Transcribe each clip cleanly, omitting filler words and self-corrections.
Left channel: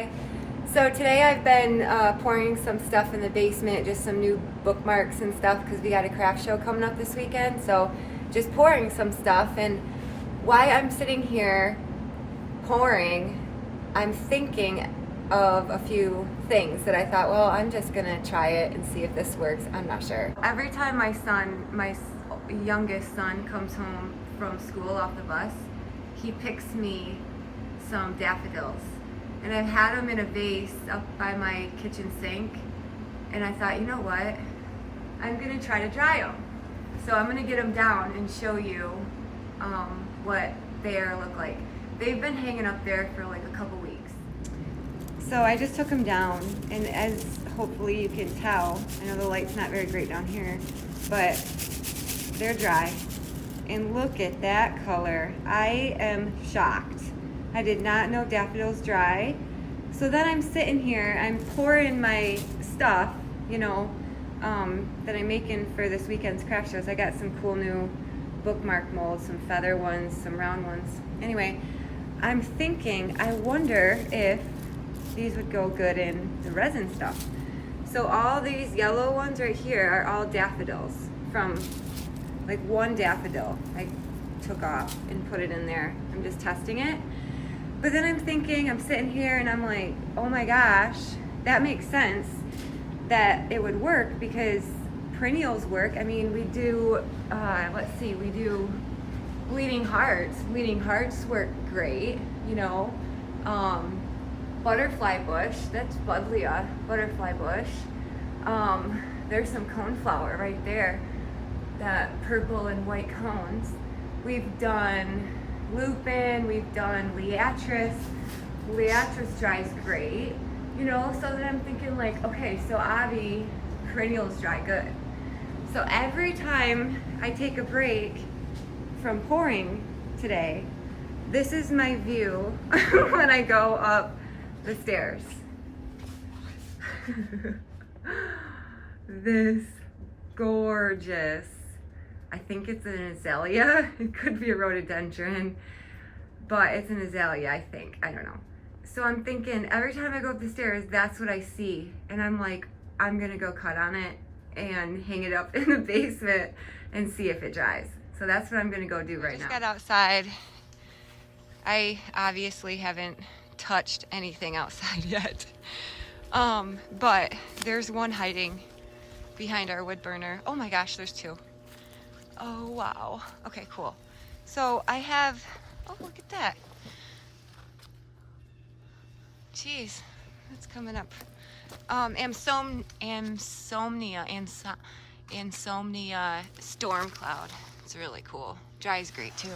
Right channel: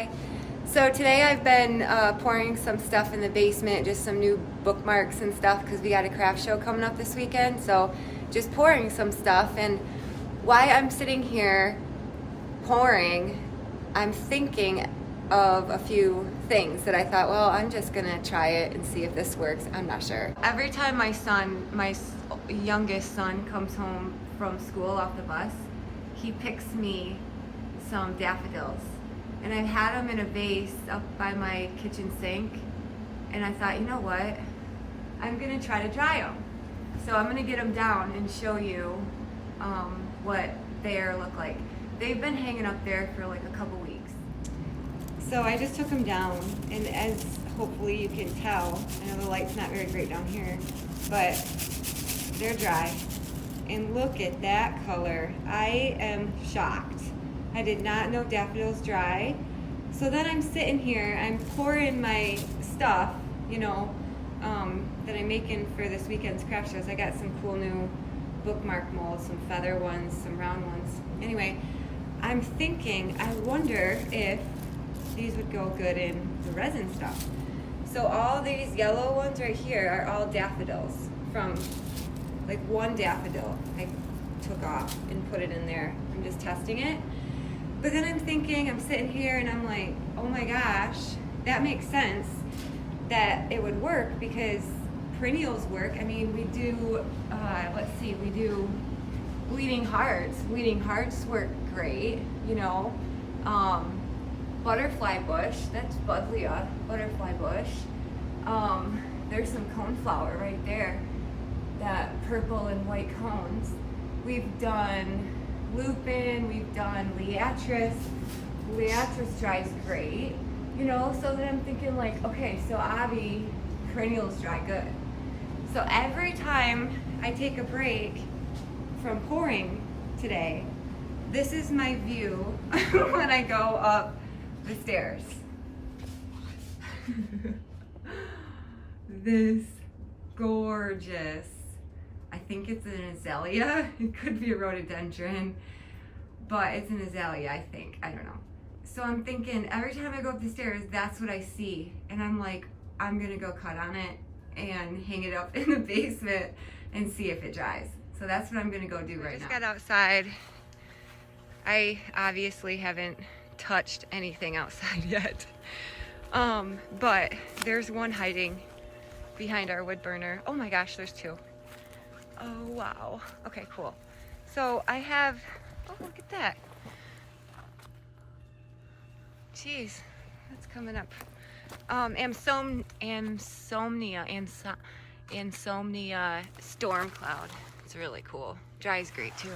Hi. So today I've been pouring some stuff in the basement, just some new bookmarks and stuff because we got a craft show coming up this weekend. So just pouring some stuff, and while I'm sitting here pouring, I'm thinking of a few things that I thought, well, I'm just gonna try it and see if this works. I'm not sure. Every time my youngest son comes home from school off the bus, he picks me some daffodils, and I've had them in a vase up by my kitchen sink, and I thought, you know what, I'm gonna try to dry them. So I'm gonna get them down and show you what they look like. They've been hanging up there for like a couple weeks. So I just took them down, and as hopefully you can tell, I know the light's not very great down here, but they're dry. And look at that color. I am shocked. I did not know daffodils dry. So then I'm sitting here, I'm pouring my stuff, you know, that I'm making for this weekend's craft shows. I got some cool new bookmark molds, some feather ones, some round ones. Anyway, I'm thinking, I wonder if these would go good in the resin stuff. So all these yellow ones right here are all daffodils from like one daffodil I took off and put it in there. I'm just testing it. But then I'm thinking, I'm sitting here and I'm like, oh my gosh, that makes sense that it would work because perennials work. I mean, we do, we do bleeding hearts. Bleeding hearts work great, you know. Butterfly bush, that's Buddleia, butterfly bush. There's some coneflower right there, that purple and white cones. We've done lupin, we've done liatris. Liatris dries great, you know, so then I'm thinking like, okay, so Abby, perennials dry good. So every time I take a break from pouring today, this is my view when I go up the stairs. This gorgeous, I think it's an azalea. It could be a rhododendron, but it's an azalea, I think. I don't know. So I'm thinking every time I go up the stairs, that's what I see. And I'm like, I'm gonna go cut on it and hang it up in the basement and see if it dries. So that's what I'm gonna go do right now. I just got outside. I obviously haven't touched anything outside yet. But there's one hiding behind our wood burner. Oh my gosh, there's two. Oh wow. Okay, cool. So I have, oh look at that. Jeez, that's coming up. Ansomnia storm cloud. It's really cool. Dries great too.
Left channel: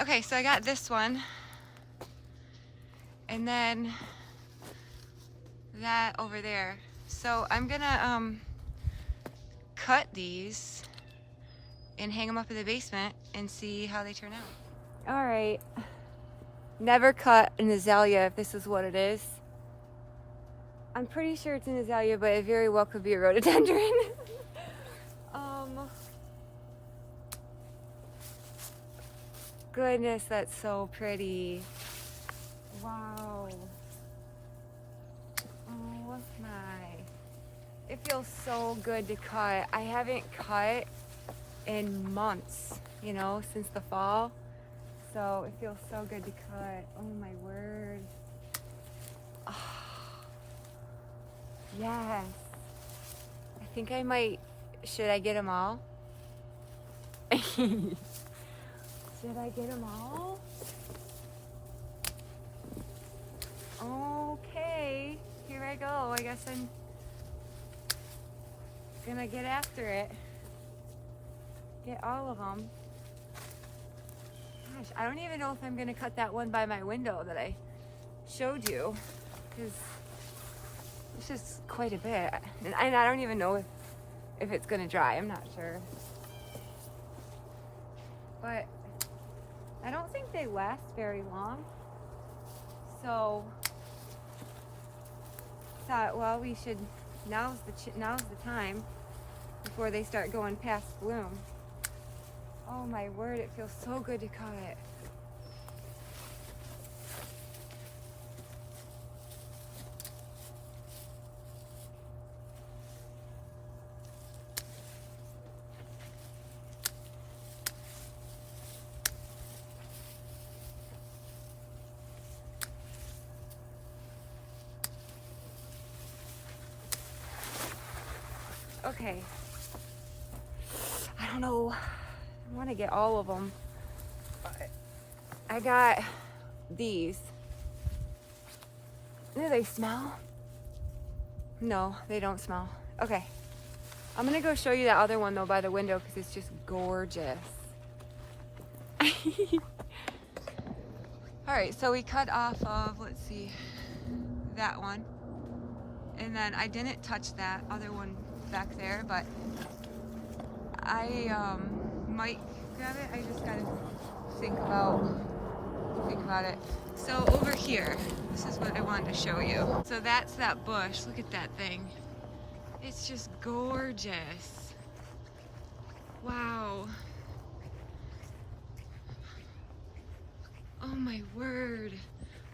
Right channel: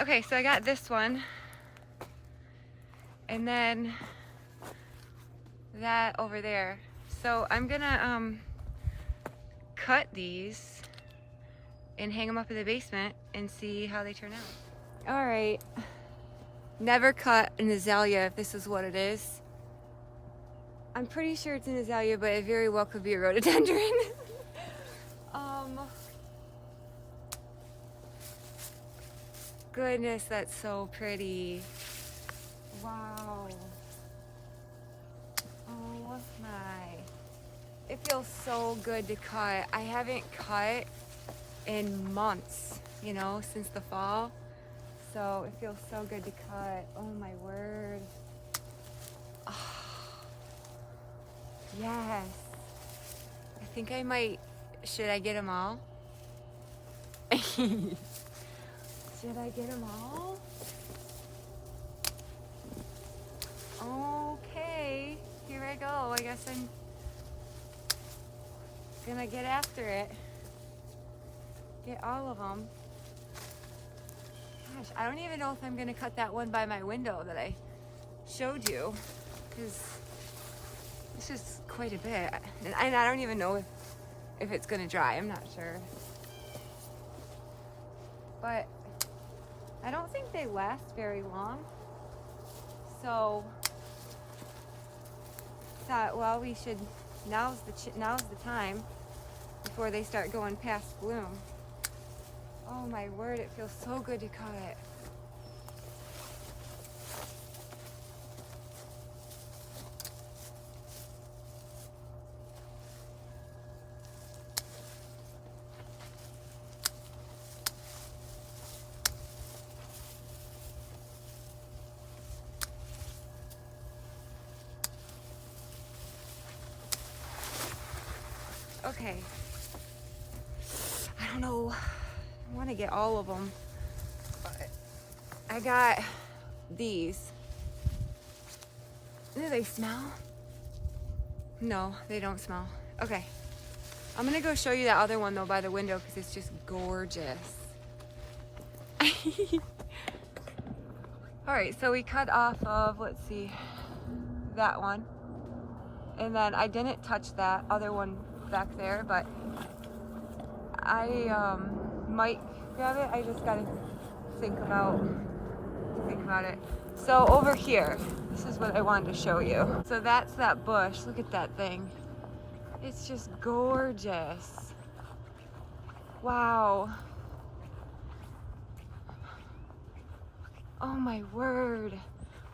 Okay, so I got this one. And then that over there. So I'm gonna cut these and hang them up in the basement and see how they turn out. All right, never cut an azalea if this is what it is. I'm pretty sure it's an azalea, but it very well could be a rhododendron. Goodness, that's so pretty. Wow. Oh my. It feels so good to cut. I haven't cut in months, you know, since the fall. So it feels so good to cut. Oh my word. Oh, yes. I think I might, should I get them all? Should I get them all? Okay, here I go. I guess I'm gonna get after it. Get all of them. Gosh, I don't even know if I'm gonna cut that one by my window that I showed you, because it's just quite a bit. And I don't even know if it's gonna dry. I'm not sure. But I don't think they last very long. So thought, well, we should, now's the time before they start going past bloom. Oh my word, it feels so good to cut. Okay. I don't know. I want to get all of them. But I got these. Do they smell? No, they don't smell. Okay. I'm gonna go show you that other one though by the window because it's just gorgeous. All right, so we cut off of, let's see, that one. And then I didn't touch that other one back there, but I might grab it. I just gotta think about it. So over here, this is what I wanted to show you. So that's that bush. Look at that thing. It's just gorgeous. Wow. Oh my word.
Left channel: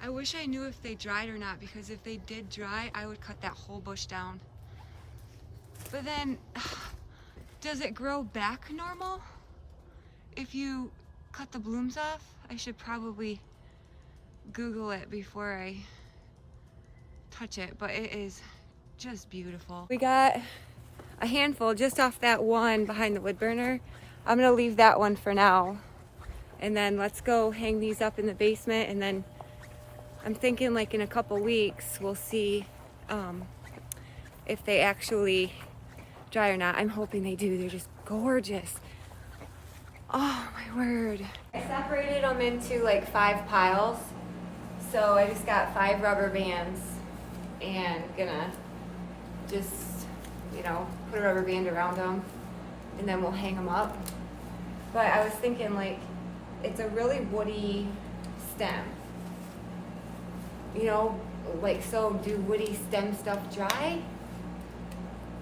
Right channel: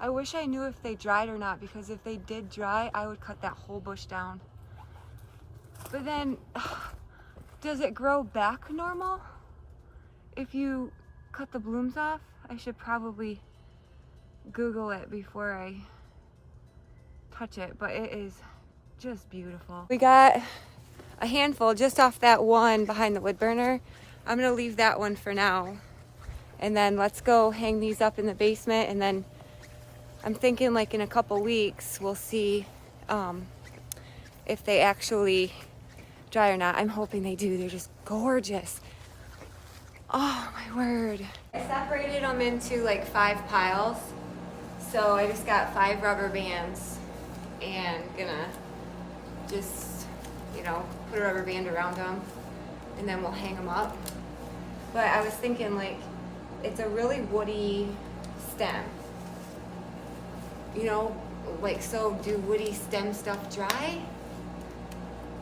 I wish I knew if they dried or not, because if they did dry, I would cut that whole bush down. But then, does it grow back normal if you cut the blooms off? I should probably Google it before I touch it, but it is just beautiful. We got a handful just off that one behind the wood burner. I'm gonna leave that one for now. And then let's go hang these up in the basement, and then I'm thinking like in a couple weeks we'll see if they actually dry or not. I'm hoping they do. They're just gorgeous. Oh my word. I separated them into like 5 piles. So I just got 5 rubber bands and gonna just, you know, put a rubber band around them and then we'll hang them up. But I was thinking like, it's a really woody stem. You know, like, so do woody stem stuff dry?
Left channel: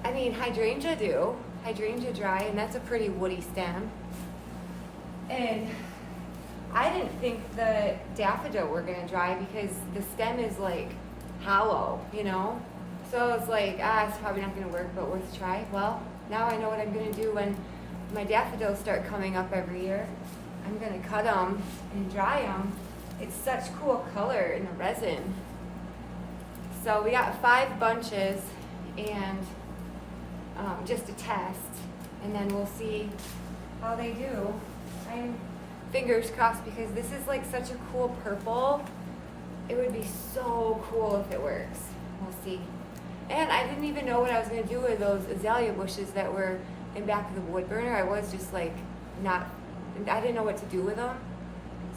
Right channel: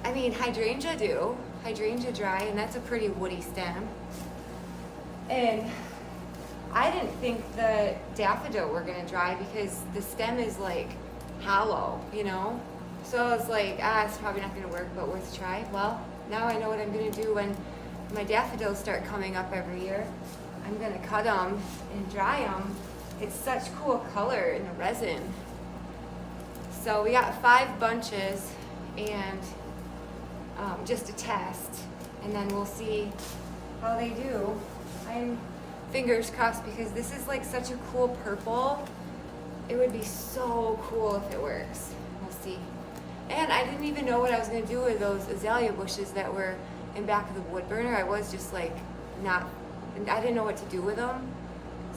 I mean, hydrangea do. Hydrangea dry, and that's a pretty woody stem. And I didn't think the daffodil were gonna dry because the stem is like hollow, you know? So I was like, it's probably not gonna work, but worth a try. Well, now I know what I'm gonna do when my daffodils start coming up every year. I'm gonna cut them and dry them. It's such cool color in the resin. So we got 5 bunches and just a test, and then we'll see how they do. I'm fingers crossed because this is like such a cool purple. It would be so cool if it works. We'll see. And I didn't even know what I was gonna do with those azalea bushes that were in back of the wood burner. I was just like I didn't know what to do with them.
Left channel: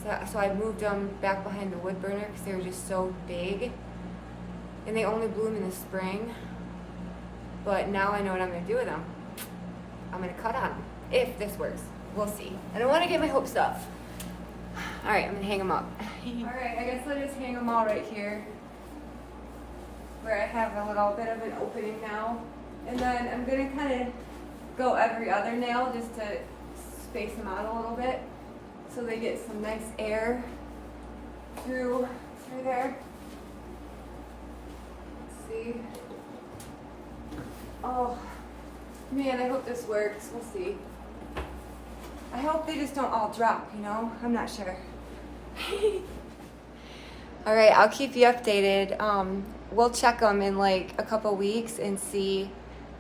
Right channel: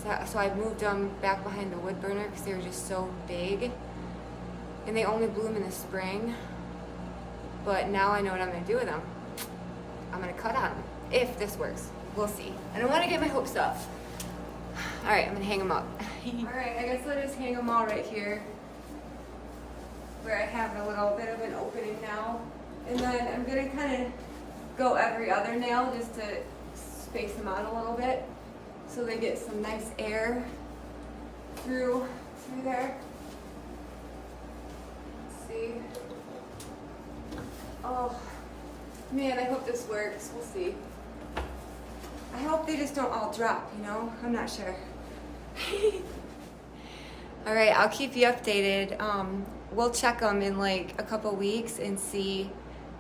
So I moved them back behind the wood burner because they were just so big. And they only bloom in the spring. But now I know what I'm gonna do with them. I'm gonna cut on them, if this works. We'll see. I don't wanna get my hopes up. All right, I'm gonna hang them up. All right, I guess I'll just hang them all right here, where I have a little bit of an opening now. And then I'm gonna kind of go every other nail just to space them out a little bit so they get some nice air through there. Let's see. Oh man, I hope this works. We'll see. I hope they just don't all drop, you know? I'm not sure. All right, I'll keep you updated. We'll check them in like a couple weeks and see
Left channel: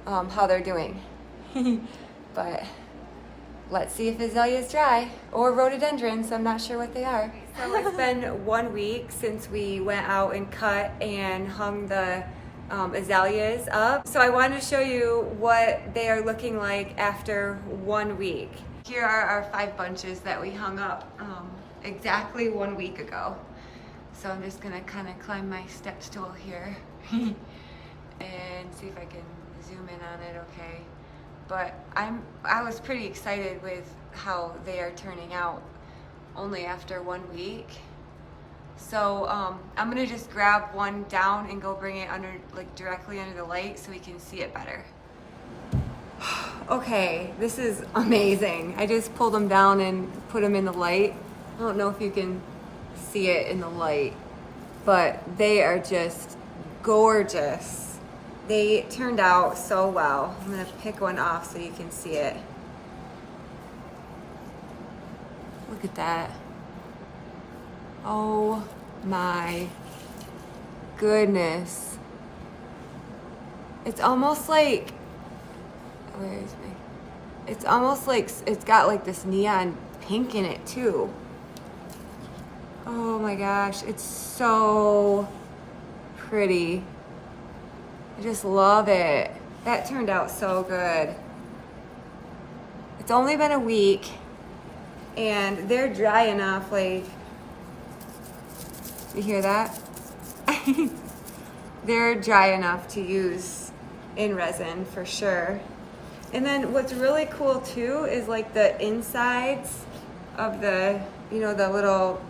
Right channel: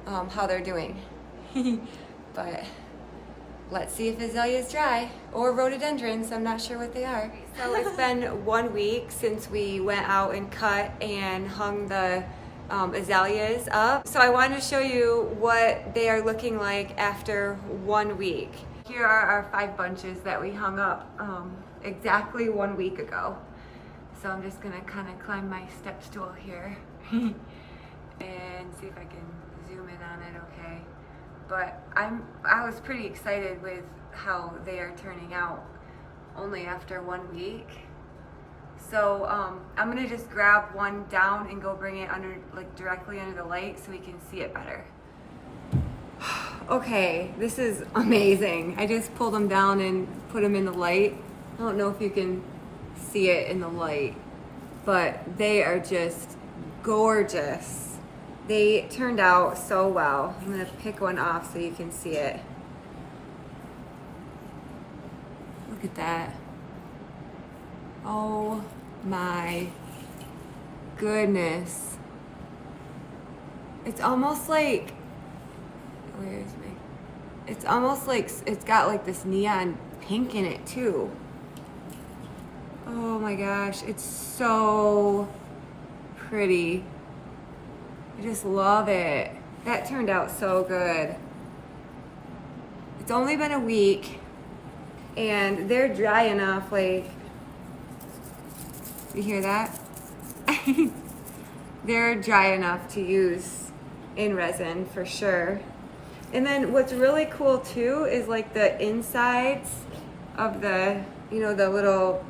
how they're doing. But let's see if azaleas dry, or rhododendrons. I'm not sure what they are. So it's been 1 week since we went out and cut and hung the azaleas up. So I wanted to show you what they are looking like after 1 week. Here are our 5 bunches that we hung up exactly 1 week ago. So I'm just gonna kind of climb my step stool here and see if I can zoom in on it okay. But I was pretty excited with how they are turning out only after 1 week. So I'm gonna just grab one down and go bring it under, like directly under the light so we can see it better. Okay, this is amazing. I just pulled them down and put them in the light. I don't know if you can see it in the light, but they are just gorgeous. They turned out so well. I'm gonna pick one off so you can see it. Look at that. Oh my goodness. It's almost like Where is me? It's almost like it's got like this neon pink in it too. Oh my gosh, it's so pretty. I just love it. That turned out so good. It's only been a week and they're dry enough, like, you hear that? They're dry enough to use in resin for sure. And then what's really cool too is like the insides of the, you know, the little,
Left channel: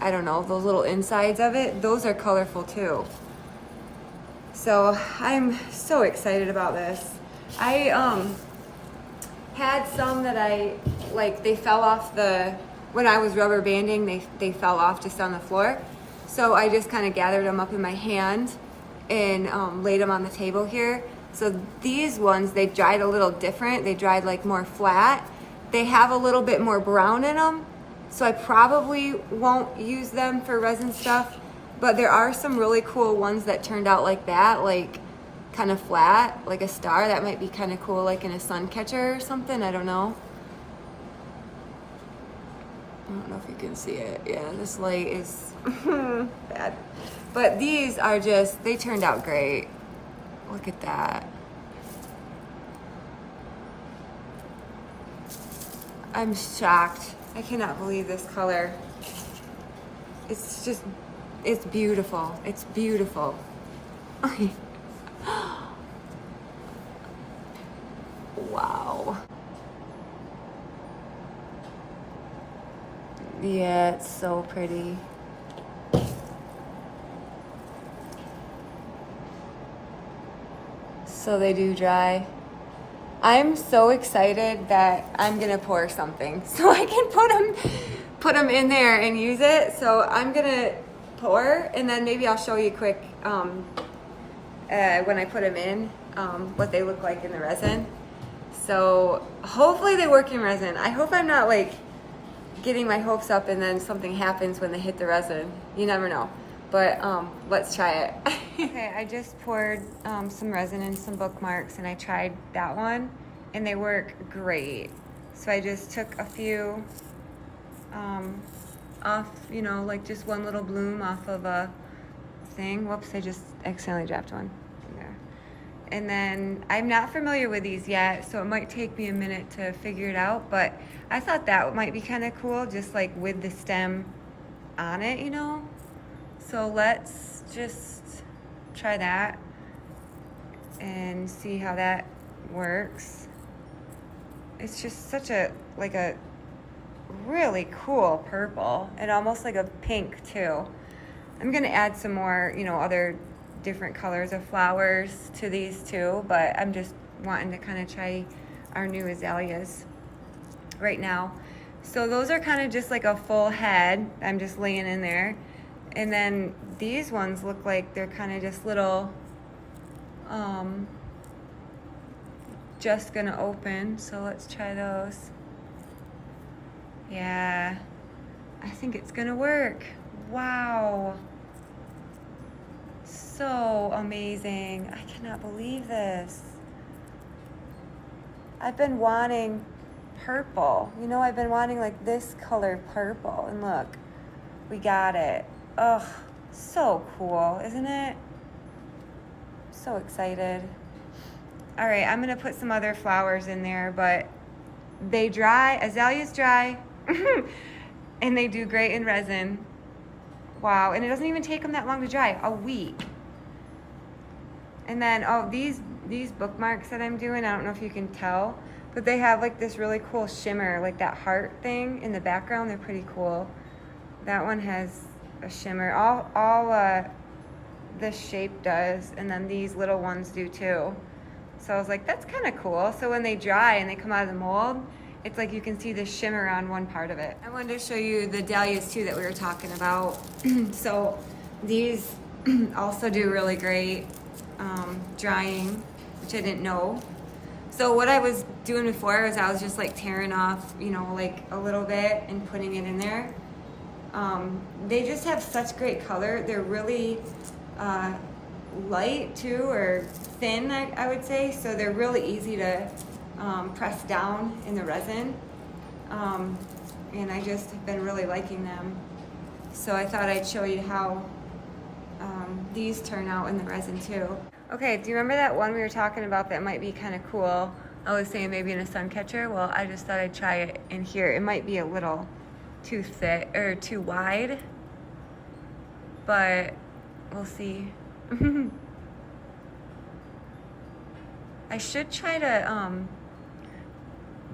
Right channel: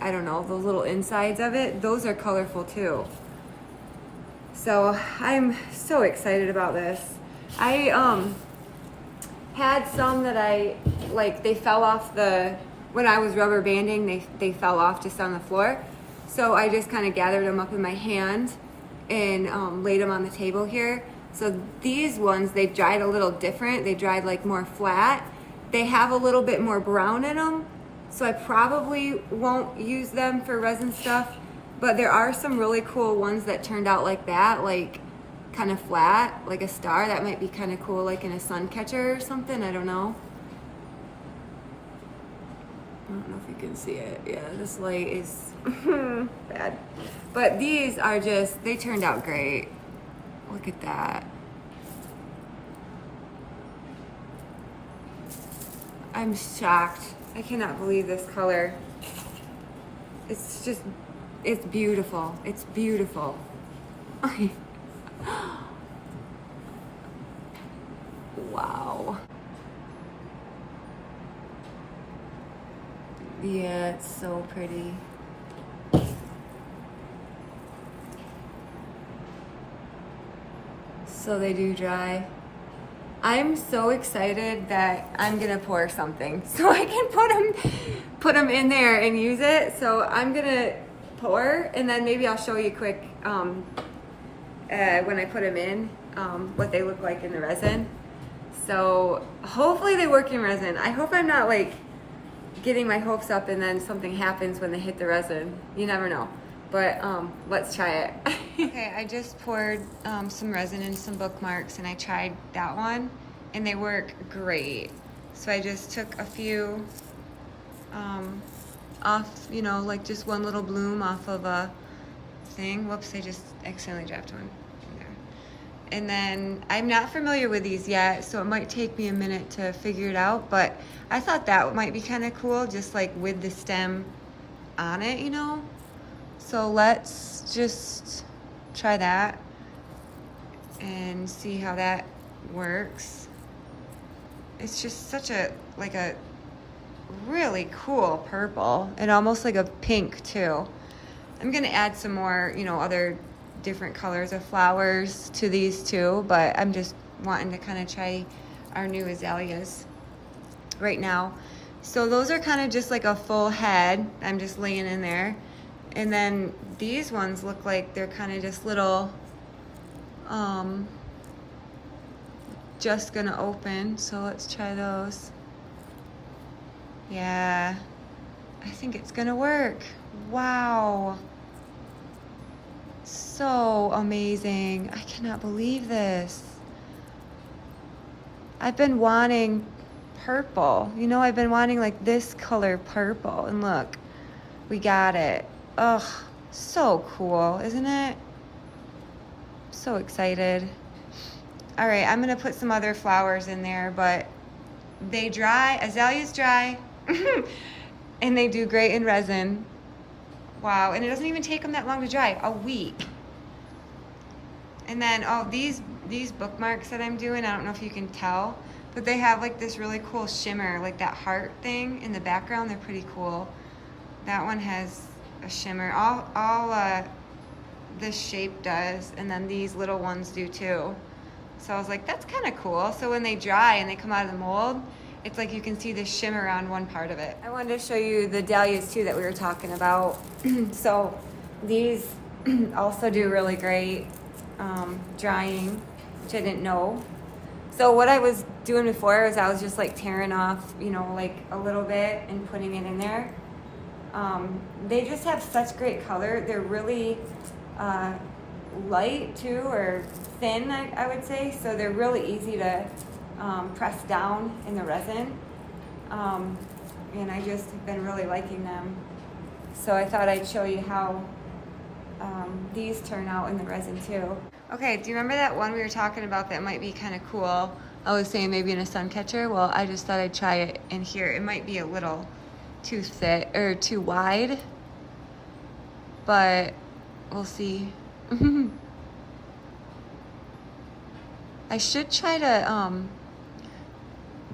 I don't know, those little insides of it, those are colorful too. So I'm so excited about this. I had some that I, like, they fell off when I was rubber banding, they fell off just on the floor. So I just kind of gathered them up in my hand and laid them on the table here. So these ones, they dried a little different. They dried like more flat. They have a little bit more brown in them. So I probably won't use them for resin stuff, but there are some really cool ones that turned out like that, like kind of flat, like a star. That might be kind of cool, like in a sun catcher or something, I don't know. I don't know if you can see it. Yeah, this light is bad. But these are just, they turned out great. Look at that. I'm shocked. I cannot believe this color. It's just, it's beautiful. It's beautiful. Wow. Yeah, it's so pretty. So they do dry. I'm so excited that I'm gonna pour something so I can put them in there and use it. So I'm gonna pour, and then maybe I'll show you quick when I put them in what they look like in the resin. So hopefully they work in resin. I hope I'm not like getting my hopes up and then something happens when they hit the resin. You never know. But let's try it. Okay, I just poured some resin in some bookmarks and I tried that one and they work great. So I just took a few off, you know, like just one little bloom off of a thing. Whoops, I just accidentally dropped one in there. And then I'm not familiar with these yet, so it might take me a minute to figure it out, but I thought that might be kind of cool, just like with the stem on it, you know? So let's just try that and see how that works. It's just such a, like a really cool purple and almost like a pink too. I'm gonna add some more, you know, other different colors of flowers to these too, but I'm just wanting to kind of try our new azaleas right now. So those are kind of just like a full head. I'm just laying in there. And then these ones look like they're kind of just little, just gonna open. So let's try those. Yeah, I think it's gonna work. Wow. So amazing. I cannot believe this. I've been wanting purple. You know, I've been wanting like this color purple, and look, we got it. Ugh, so cool, isn't it? So excited. All right, I'm gonna put some other flowers in there, but they dry, azaleas dry, and they do great in resin. Wow, and it doesn't even take them that long to dry, a week. And then, oh, these bookmarks that I'm doing, I don't know if you can tell, but they have like this really cool shimmer, like that heart thing in the background. They're pretty cool. That one has a shimmer. All this shape does, and then these little ones do too. So I was like, that's kind of cool. So when they dry and they come out of the mold, it's like you can see the shimmer on one part of it. I wanted to show you the dahlias too that we were talking about. So these also do really great drying, which I didn't know. So what I was doing before was I was just like tearing off, you know, like a little bit and putting it in there. They just have such great color. They're really light too, or thin, I would say. So they're really easy to pressed down in the resin. And I just have been really liking them. So I thought I'd show you how these turn out in the resin too. Okay, do you remember that one we were talking about that might be kind of cool? I was saying maybe in a sun catcher. Well, I just thought I'd try it in here. It might be a little too thick or too wide, but we'll see. I should try to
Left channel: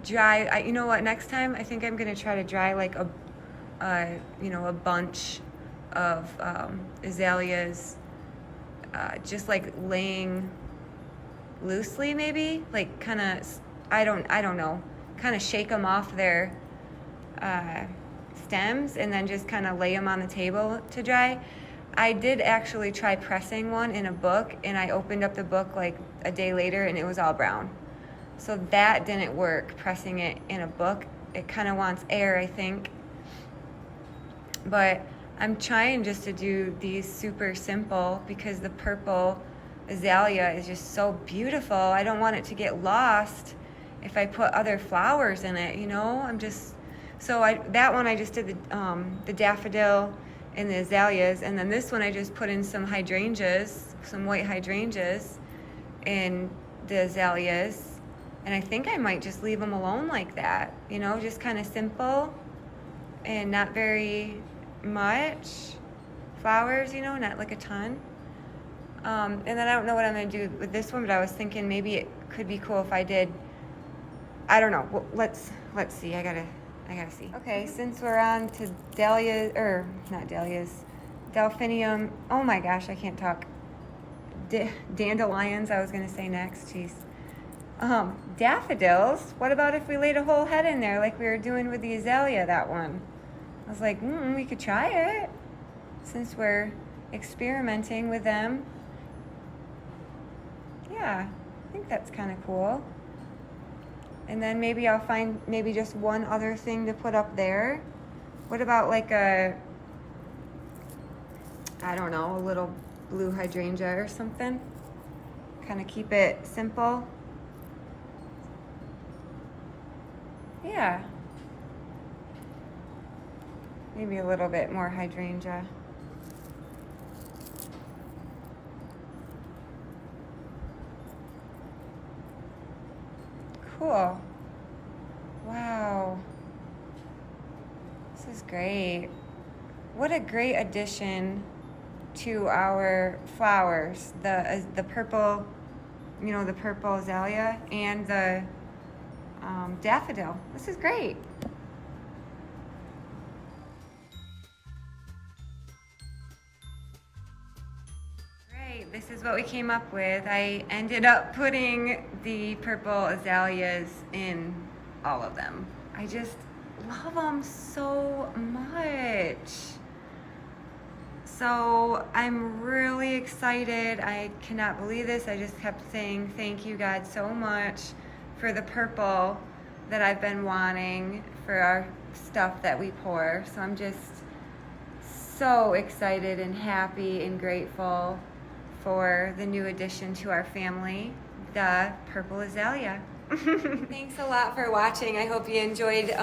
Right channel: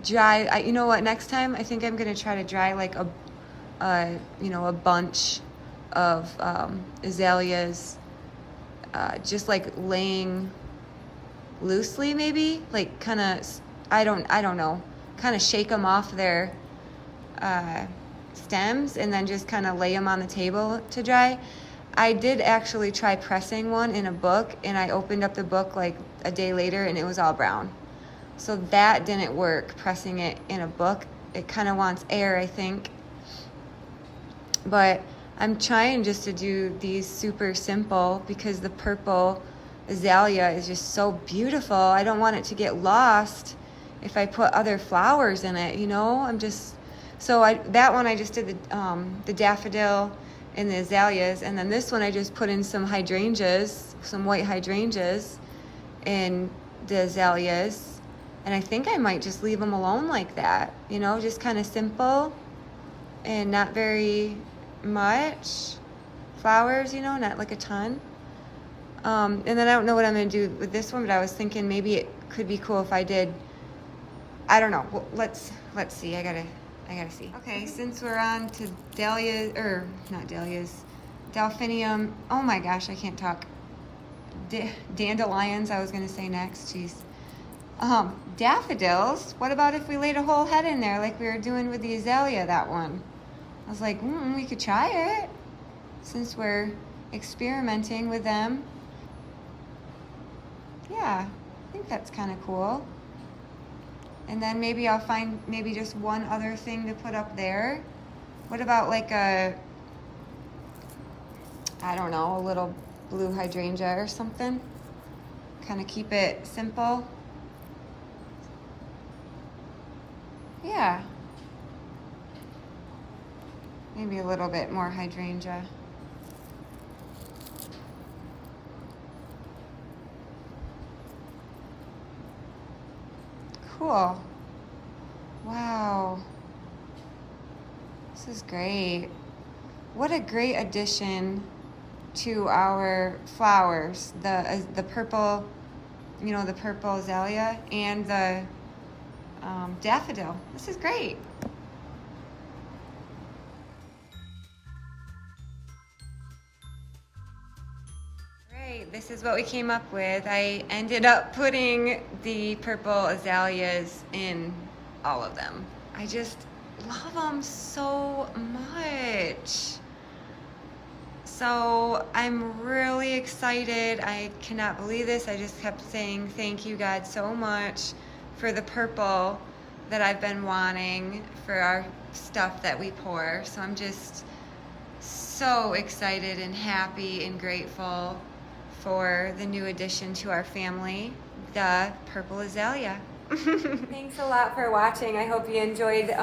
dry. You know what? Next time I think I'm gonna try to dry like a bunch of azaleas, just like laying loosely, maybe like kind of. I don't know. Kind of shake them off their stems and then just kind of lay them on the table to dry. I did actually try pressing one in a book, and I opened up the book like a day later and it was all brown. So that didn't work, pressing it in a book. It kind of wants air, I think. But I'm trying just to do these super simple because the purple azalea is just so beautiful. I don't want it to get lost if I put other flowers in it, you know? That one I just did the daffodil and the azaleas, and then this one I just put in some hydrangeas, some white hydrangeas and the azaleas, and I think I might just leave them alone like that, you know, just kind of simple and not very much flowers, you know, not like a ton. And then I don't know what I'm gonna do with this one, but I was thinking maybe it could be cool if I did, I don't know. Well, let's see. I gotta see. Okay, since we're on to dahlias, or not dahlias, delphinium. Oh my gosh, I can't talk. Dandelions, I was gonna say next. Jeez. Daffodils. What about if we laid a whole head in there like we were doing with the azalea, that one? I was like, we could try it since we're experimenting with them. Yeah, I think that's kind of cool. And then maybe I'll find maybe just one other thing to put up there. What about like a little blue hydrangea or something? Kind of keep it simple. Yeah. Maybe a little bit more hydrangea. Cool. Wow. This is great. What a great addition to our flowers. The purple, the purple azalea and the daffodil. This is great. This is what we came up with. I ended up putting the purple azaleas in all of them. I just love them so much. So I'm really excited. I cannot believe this. I just kept saying thank you, God, so much for the purple that I've been wanting for our stuff that we pour. So I'm just so excited and happy and grateful for the new addition to our family, the purple azalea. Thanks a lot for watching. I hope you enjoyed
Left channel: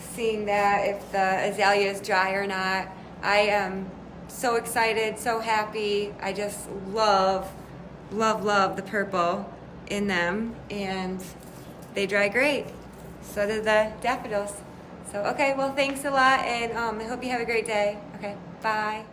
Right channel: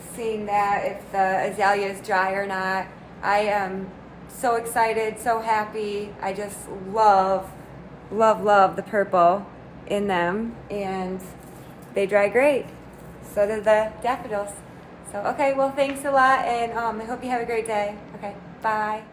seeing that, if the azalea is dry or not. I am so excited, so happy. I just love the purple in them, and they dry great. So do the daffodils. So, okay, well, thanks a lot, and I hope you have a great day. Okay, bye.